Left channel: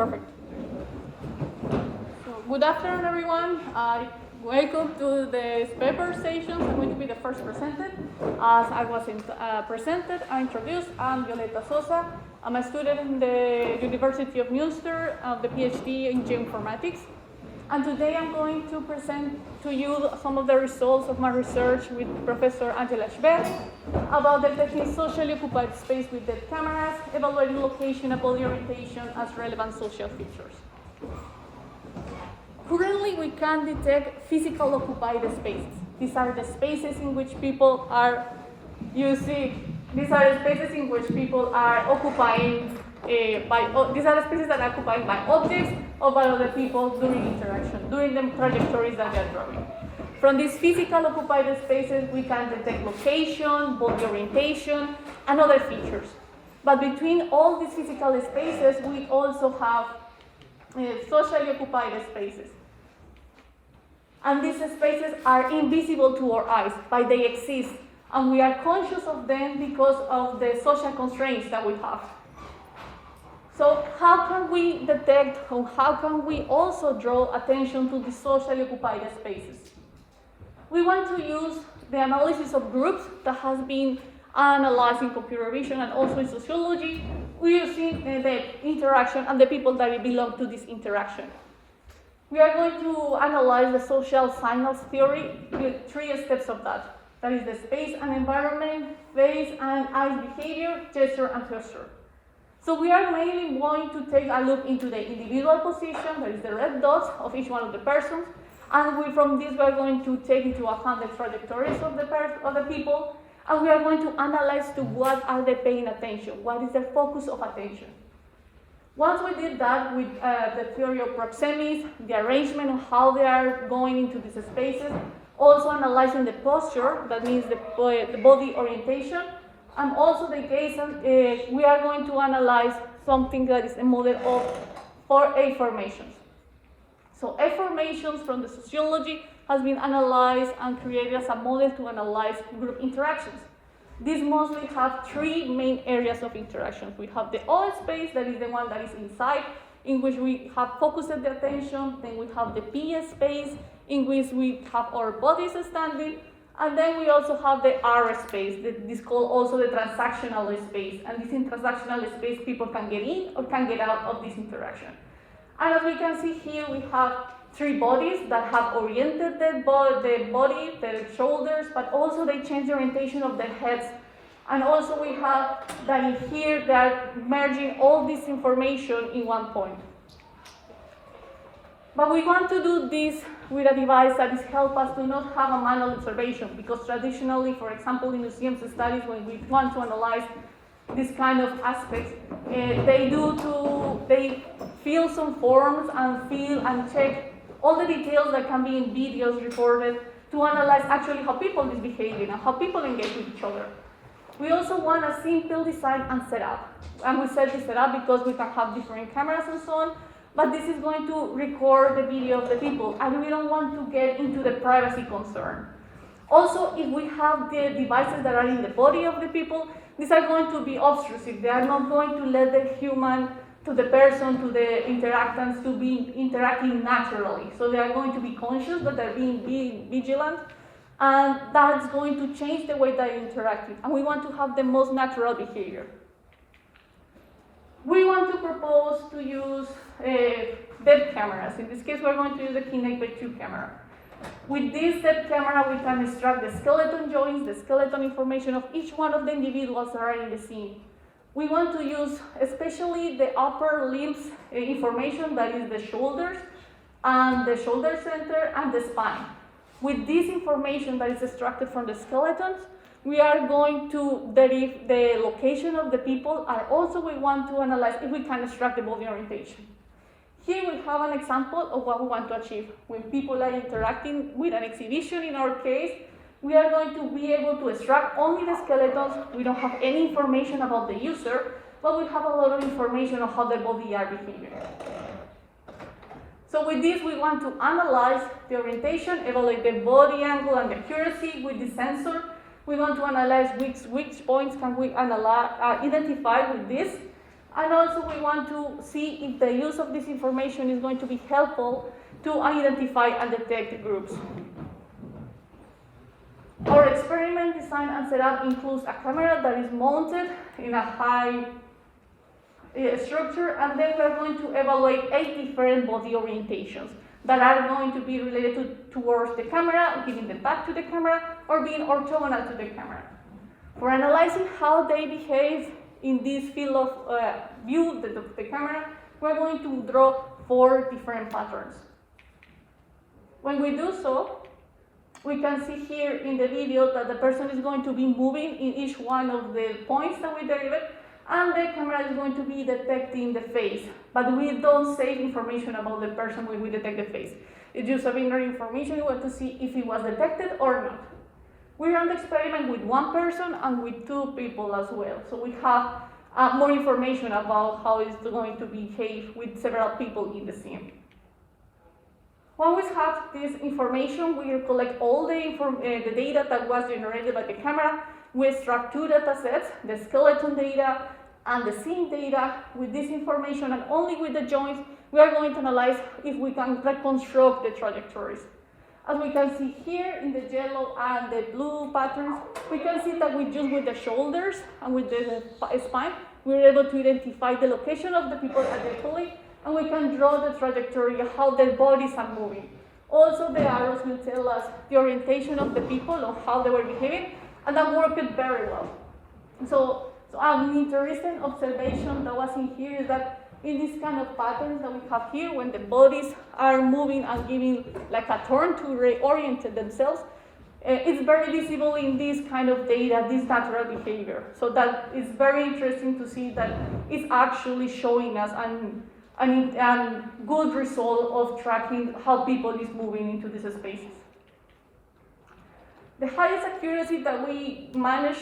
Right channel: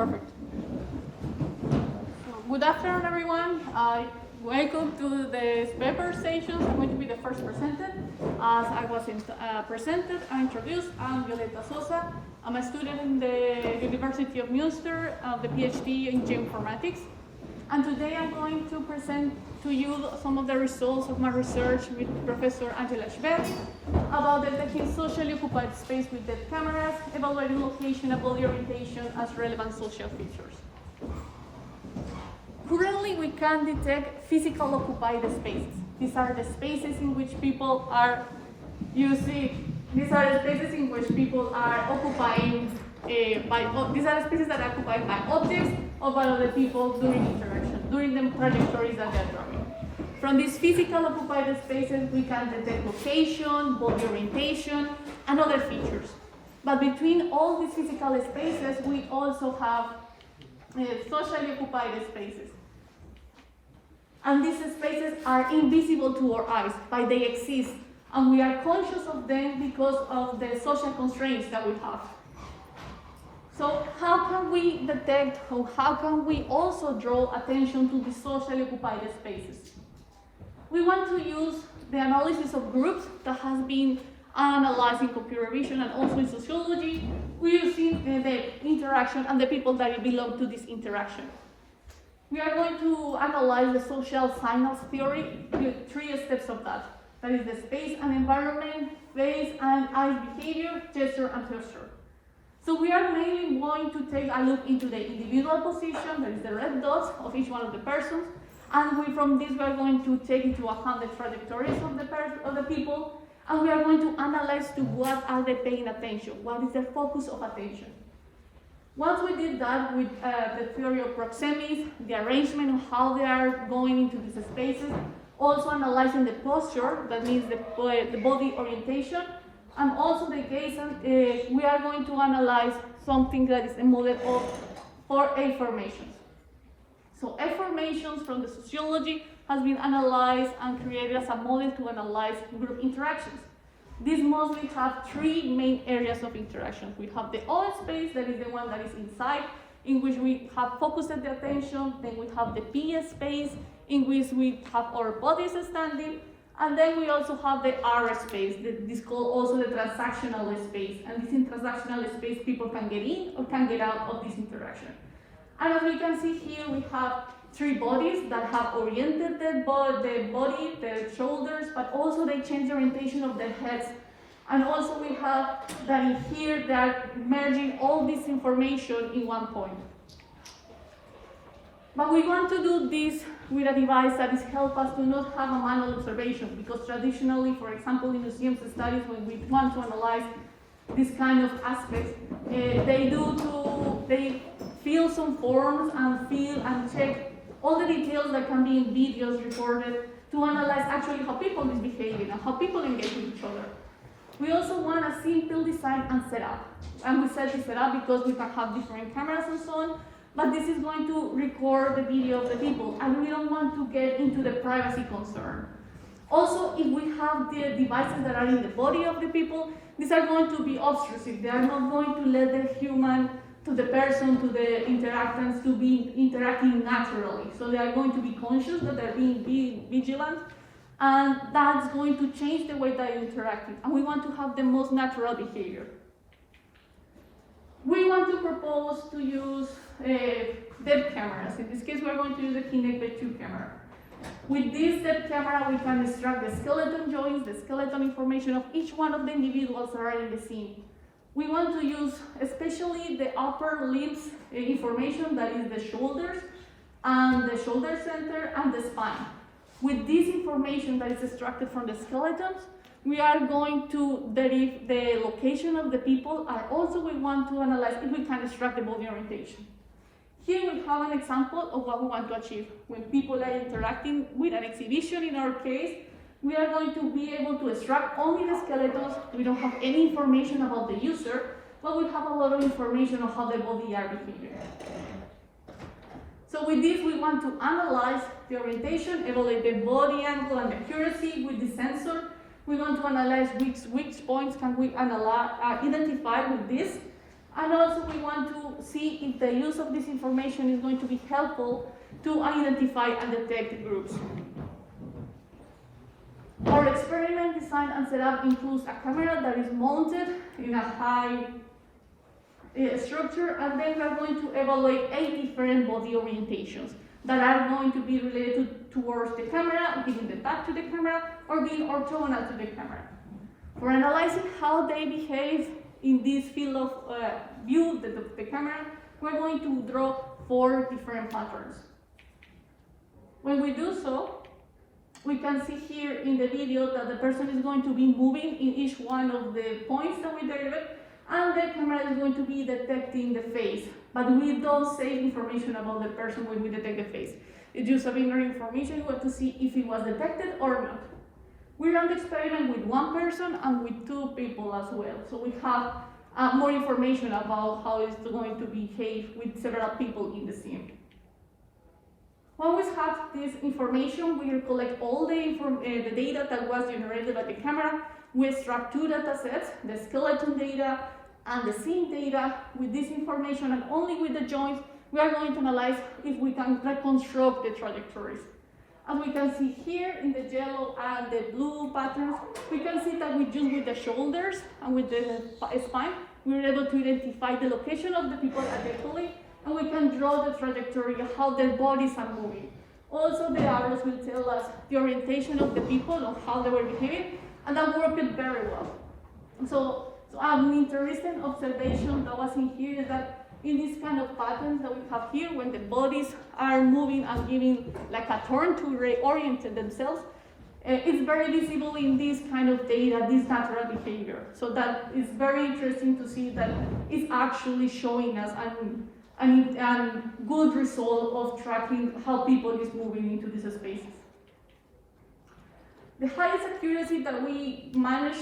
Perfect. So, good afternoon, everyone. Welcome to the paper session. I'm going to be the first presented. As I was presented and introduced, I'm Violeta Sosa. I'm a student in the University of Munster, the PhD in geoinformatics. And today I'm going to present to you some of the results of my research with Professor Angela Schberg about detecting socially occupied space with dead cameras, evaluating location and body orientation as relevant social features. Currently, we can detect physical occupied spaces. These are the spaces in which people are using, these are the spaces in which people are occupying these are the spaces that are occupied by objects or by other people during interaction, during the trajectories that they are drawing. From these physical occupied spaces, we can detect location, body orientation, and other features. But between all these physical spaces, we also have socially occupied spaces. And these spaces are invisible to our eyes, but they exist. And we are conscious of them because of the social constraints that we have. So how can we detect, or how can we also draw attention to the socially occupied spaces? We want to use the analysis of groups that has been analyzed in computer vision and also in sociology. We're using the interaction and the people that belong to this interaction. We are going to analyze the social signals theory with 3 steps of that. That is the space and environment, face and eye behavior, gesture and posture. So we are mainly going to take a look into the individual position, that is the red dots of each one of the persons, and from this we are going to take into account the trajectories of the people, and we are going to analyze to what are they paying attention, what is their focus of attention. Once we did that with the theory of proxemics, the arrangement of how they are going into these spaces, also analyzing the posture, that means the body orientation, and also the gaze, we are going to analyze something that is a model for A formations. So A formations from the sociology has been analyzed and created as a model to analyze group interactions. These mostly have 3 main areas of interactions. We have the O space, that is the one that is inside, in which we have focused the attention. Then we have the P space, in which we have our bodies standing. And then we also have the R space, this is called also the transactional space. And this in transactional space, people can get in or can get out of this interaction. And as we can see here, we have 3 bodies that have oriented the body, the shoulders, but also they change the orientation of their heads. And also we have that in here, they are merging all this information in one point. But we want to do this with a device that is help us to not have a manual observation, because traditionally, for example, in museums studies, when we want to analyze this kind of aspects, they fill some forms and fill and check all the details that can be in videos reported to analyze actually how people is behaving and how people engage with each other. We also want a simple design and setup. And we set this setup because we can have different cameras and so on, but this is going to record the video of the people, and we don't want to get into the privacy concern. Also, if we have the devices that are in the body of the people, these are going to be obtrusive. They are not going to let the human, to the person, to the interactants to be interacting naturally. So they are going to be conscious that they're being vigilant, and that's going to change the way they're interacting. And we want to have the most natural behavior. We want to propose to use depth cameras. In this case, we're going to use the Kinect by 2 camera. With this depth camera, we can extract the skeleton joints, the skeleton information of each one of the individuals that are in the scene. We want to use especially the upper limbs information, that is the shoulders, and the shoulder center, and the spine. With this information that is extracted from the skeletons, we are going to derive the location of the people, and also we want to analyze if we can extract the body orientation. Here we have an example of what we want to achieve. When people are interacting with an exhibition, in our case, we are going to be able to extract only the skeletons. We don't have any information about the user, but we have a lot of information on how their body are behaving. So with this, we want to analyze the orientation, evaluate the body angle and accuracy with the sensor. We want to analyze which points can we identify with this. And also we want to see if the use of this information is going to be helpful to identify and detect groups. Our experiment design and setup includes a camera that is mounted in a high structure, and then we're going to evaluate 8 different body orientations that are going to be related towards the camera, giving the back to the camera, or being orthogonal to the camera. For analyzing how they behave in this field of view of the camera, we're going to draw 4 different patterns. When we do so, we can see here in the video that the person is going to be moving in each one of the points that we derived, and the camera is going to be detecting the face. But we don't save information about the person when we detect the face. It's just a binary information. We want to see if it was detected or not. We run the experiment with 1 person and with 2 people as well. So we have more information about how it's going to behave with several people in the scene. When we have this information, we collect all the data that was generated by the camera. We extract 2 data sets, the skeleton data and the scene data. With this information and only with the joints, we are going to analyze if we can reconstruct the trajectories. As we can see here in the yellow and the blue patterns, we can see that with the shoulders and with the spine, we're able to identify the location of the people adequately, and we can draw the trajectory of how their bodies are moving. Also, the arrows will tell us the orientation of the people or how they were behaving, and that worked very well. So an interesting observation that was in here is that in this kind of patterns that we have here, when the bodies are moving and giving like a turn to reorient themselves, it's very visible in this kind of data, this natural behavior. So that is very interesting to see that it's actually showing us a good result of tracking how people is moving into these spaces. The highest accuracy that we managed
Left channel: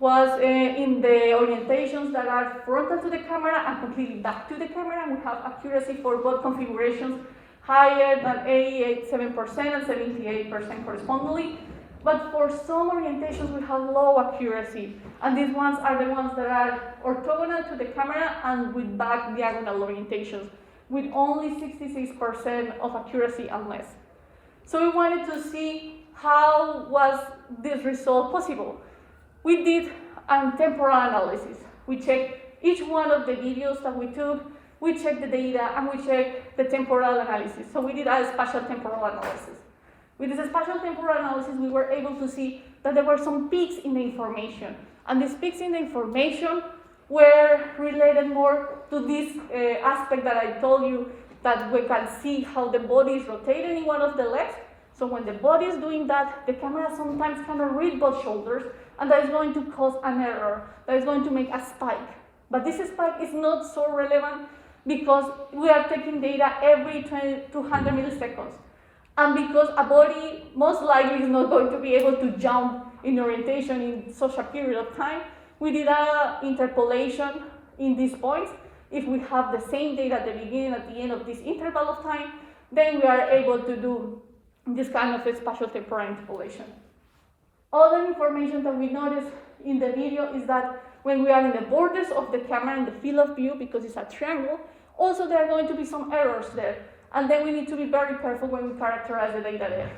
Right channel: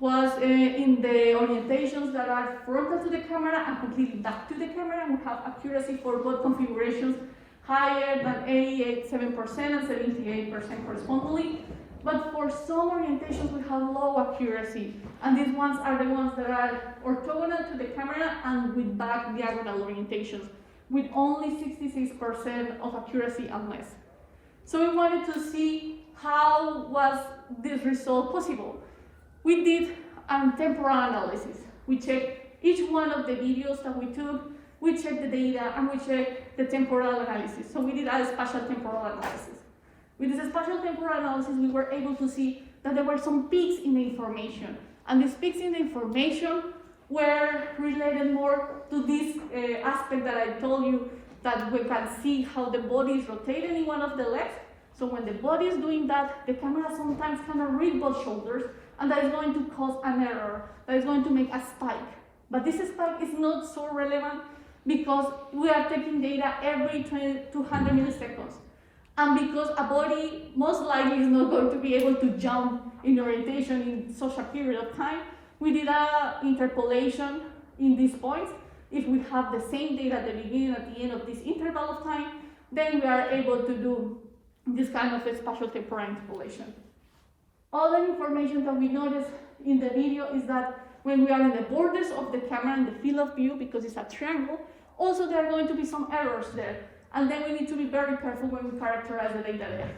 was in the orientations that are frontal to the camera and completely back to the camera. We have accuracy for both configurations higher than 87% and 78% correspondingly. But for some orientations, we have low accuracy. And these ones are the ones that are orthogonal to the camera and with back diagonal orientations, with only 66% of accuracy and less. So we wanted to see how was this result possible. We did a temporal analysis. We checked each one of the videos that we took, we checked the data, and we checked the temporal analysis. So we did a spatial temporal analysis. With this spatial temporal analysis, we were able to see that there were some peaks in the information. And these peaks in the information were related more to this aspect that I told you, that we can see how the body is rotating in one of the legs. So when the body is doing that, the camera sometimes cannot read both shoulders, and that is going to cause an error, that is going to make a spike. But this spike is not so relevant because we are taking data every 200 milliseconds. And because a body most likely is not going to be able to jump in orientation in such a period of time, we did an interpolation in these points. If we have the same data at the beginning and at the end of this interval of time, then we are able to do this kind of a spatial temporal interpolation. Other information that we noticed in the video is that when we are in the borders of the camera in the field of view, because it's a triangle, also there are going to be some errors there. And then we need to be very careful when we characterize the data there.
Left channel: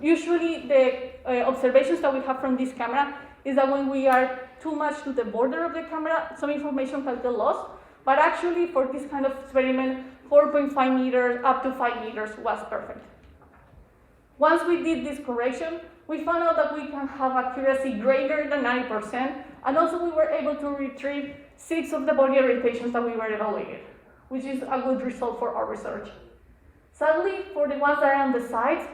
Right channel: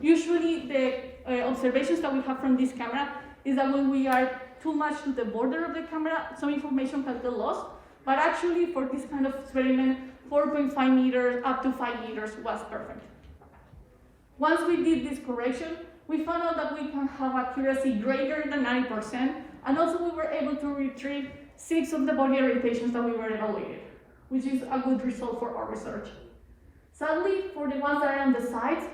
Usually the observations that we have from this camera is that when we are too much to the border of the camera, some information can get lost. But actually for this kind of experiment, 4.5 meters up to 5 meters was perfect. Once we did this correction, we found out that we can have accuracy greater than 90%, and also we were able to retrieve 6 of the body orientations that we were evaluating, which is a good result for our research. Sadly, for the ones that are on the sides,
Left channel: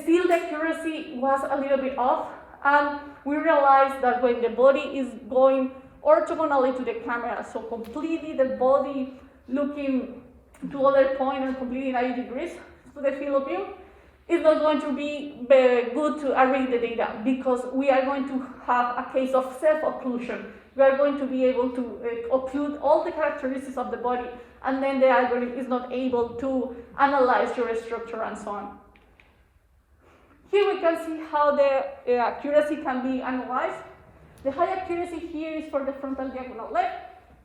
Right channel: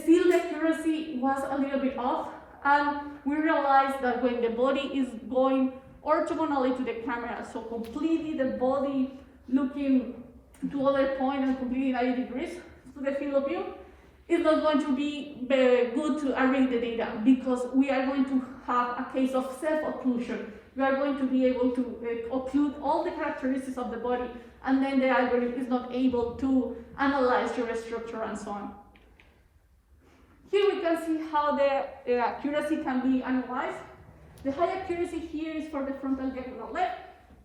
still the accuracy was a little bit off, and we realized that when the body is going orthogonally to the camera, so completely the body looking to other point and completely 90 degrees to the field of view, it's not going to be good to read the data, because we are going to have a case of self-occlusion. We are going to be able to occlude all the characteristics of the body, and then the algorithm is not able to analyze your structure and so on. Here we can see how the accuracy can be analyzed. The high accuracy here is for the frontal diagonal leg.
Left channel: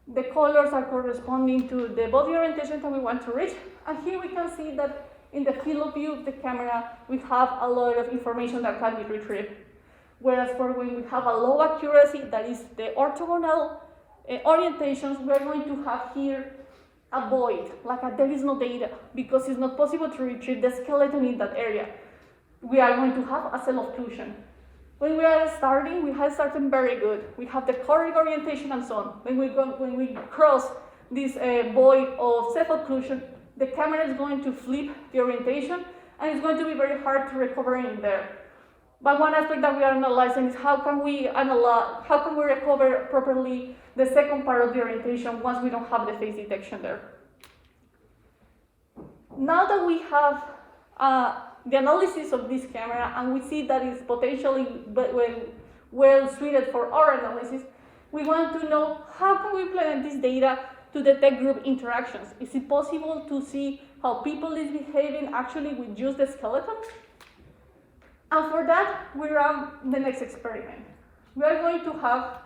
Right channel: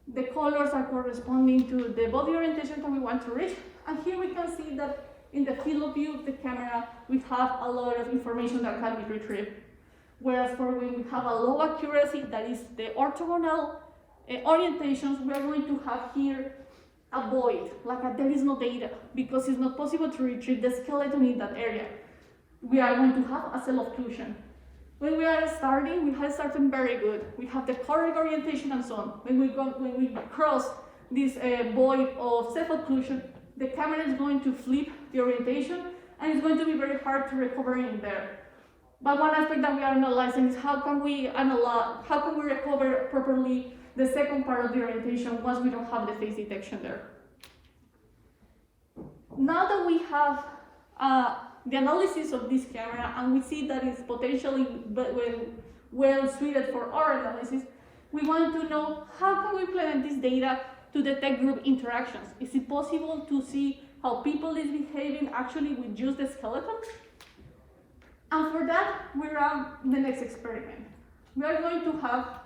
The colors are corresponding to the body orientation that we want to reach. And here we can see that in the field of view of the camera, we have a lot of information that can be retrieved. Whereas for when we have a low accuracy, that is the orthogonal orientations, we're going to have here a void, there is no data, because it's not possible to retrieve the skeleton in that area. We are going to have a self-occlusion. When we are starting, we have started very good. We have the correct orientation and so on. When we cross this void of self-occlusion, the camera is going to flip the orientation, and it's going to be very hard to recover in there. But one aspect that we are analyzing is how can we recover properly the second part of the orientation once we don't have the face detection there. Now that we have the analysis of this camera and we see that it's potentially well suited for our analysis, we want to know how can we implement this data to detect group interactions. Is it possible to see how people is behaving actually with just the skeleton? And for that, we run the next experiment. We are going to have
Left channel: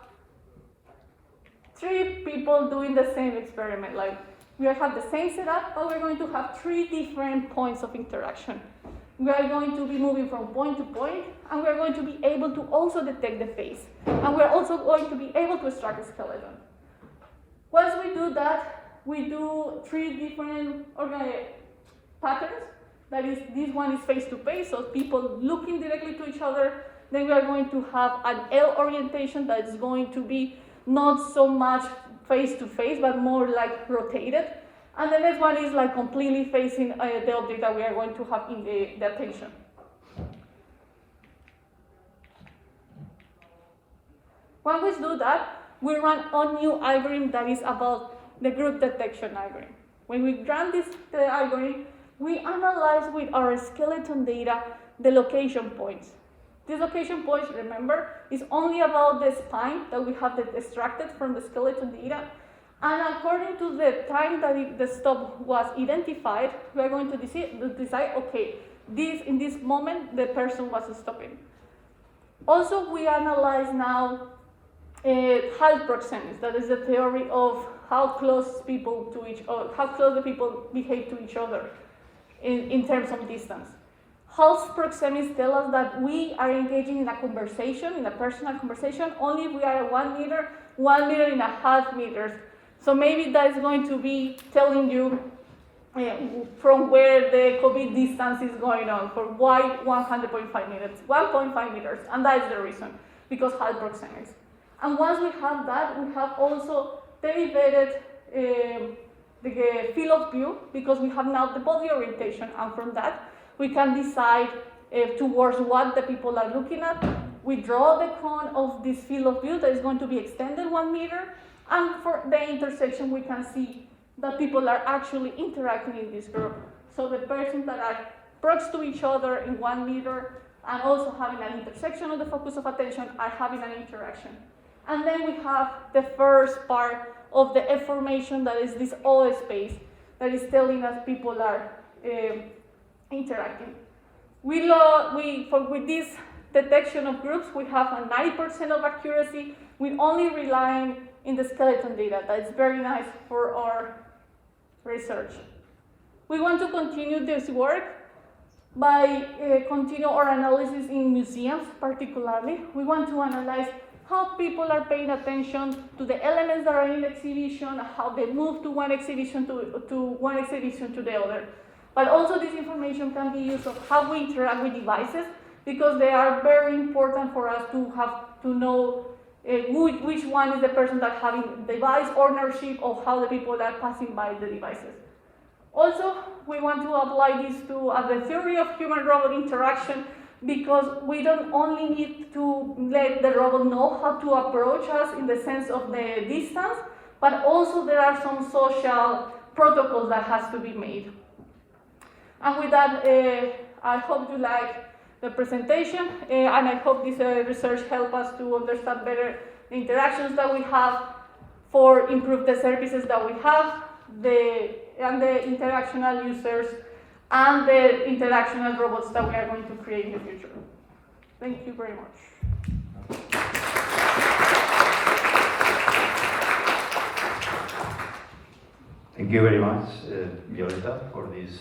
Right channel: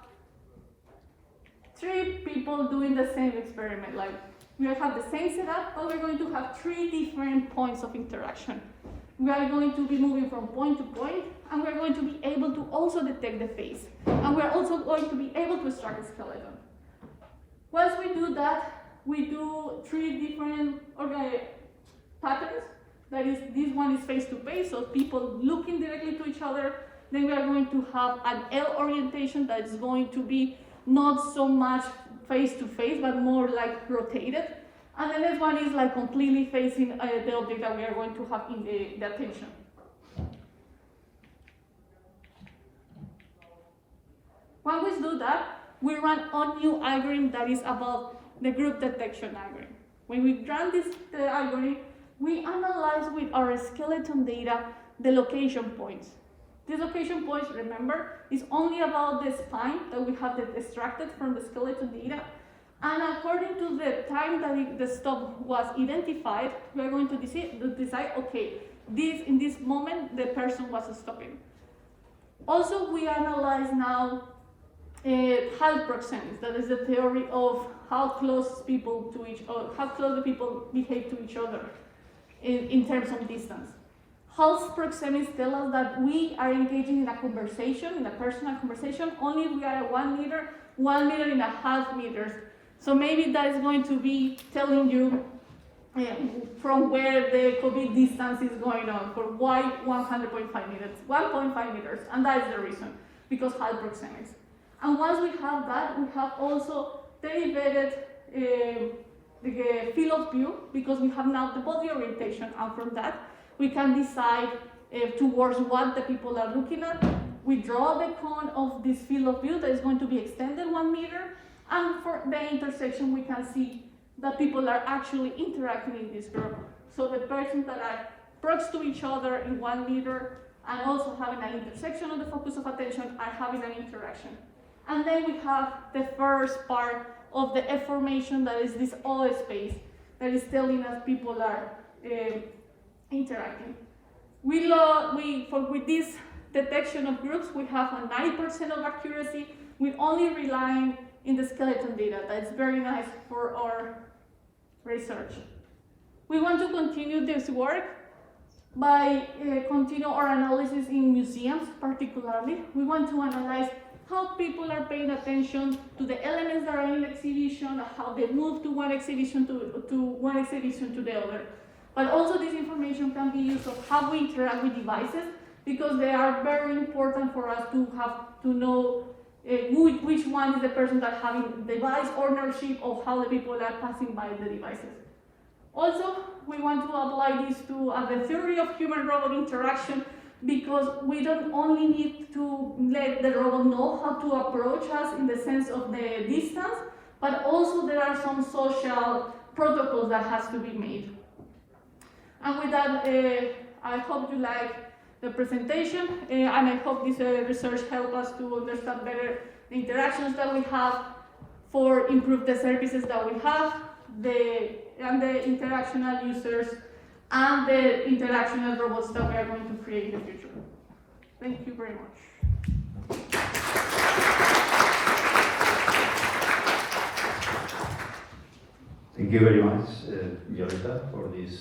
3 people doing the same experiment. We have the same setup, but we're going to have 3 different points of interaction. We are going to be moving from point to point, and we're going to be able to also detect the face. And we're also going to be able to extract the skeleton. Once we do that, we do 3 different patterns. That is, this one is face-to-face, so people looking directly to each other. Then we are going to have an L orientation that is going to be not so much face-to-face, but more rotated. And the next one is completely facing the object that we are going to have in the attention. When we do that, we run a new algorithm that is about the group detection algorithm. When we run this algorithm, we analyze with our skeleton data the location points. These location points, remember, is only about the spine that we have extracted from the skeleton data. And according to the time that the stop was identified, we are going to decide, okay, in this moment, the person was stopping. Also, we analyze now height proxemics. That is the theory of how close people how close the people behave to each other in terms of distance. Height proxemics tell us that we are engaging in a conversation, in a personal conversation, only if we are at 1 meter, 1.5 meters. So maybe that is going to be telling you from where the COVID distance is going on, for why 100.5 meters, 1.5 meters, and that is the reason, because height proxemics. And once we have that, we have also derivated the field of view, because we have now the body orientation, and from that, we can decide towards what the people are looking at. We draw the cone of this field of view that is going to be extended 1 meter, and for the intersection, we can see that people are actually interacting in this group. So the persons that are prox to each other in 1 meter and also having an intersection of the focus of attention are having an interaction. And then we have the first part of the information, that is this O space, that is telling us people are interacting. With this detection of groups, we have a 90% of accuracy. We only relying in the skeleton data. That's very nice for our research. We want to continue this work by continue our analysis in museums particularly. We want to analyze how people are paying attention to the elements that are in the exhibition, how they move to one exhibition to the other. But also this information can be used of how we interact with devices, because they are very important for us to know which one is the person that having device ownership, or how the people are passing by the devices. Also, we want to apply this to the theory of human-robot interaction, because we don't only need to let the robot know how to approach us in the sense of the distance, but also there are some social protocols that has to be made. And with that, I hope you like the presentation, and I hope this research helps us to understand better the interactions that we have for improve the services that we have, and the interactional users, and the interactional robots that we are going to create in the future. Thank you very much. Thank you very much, Violeta, for this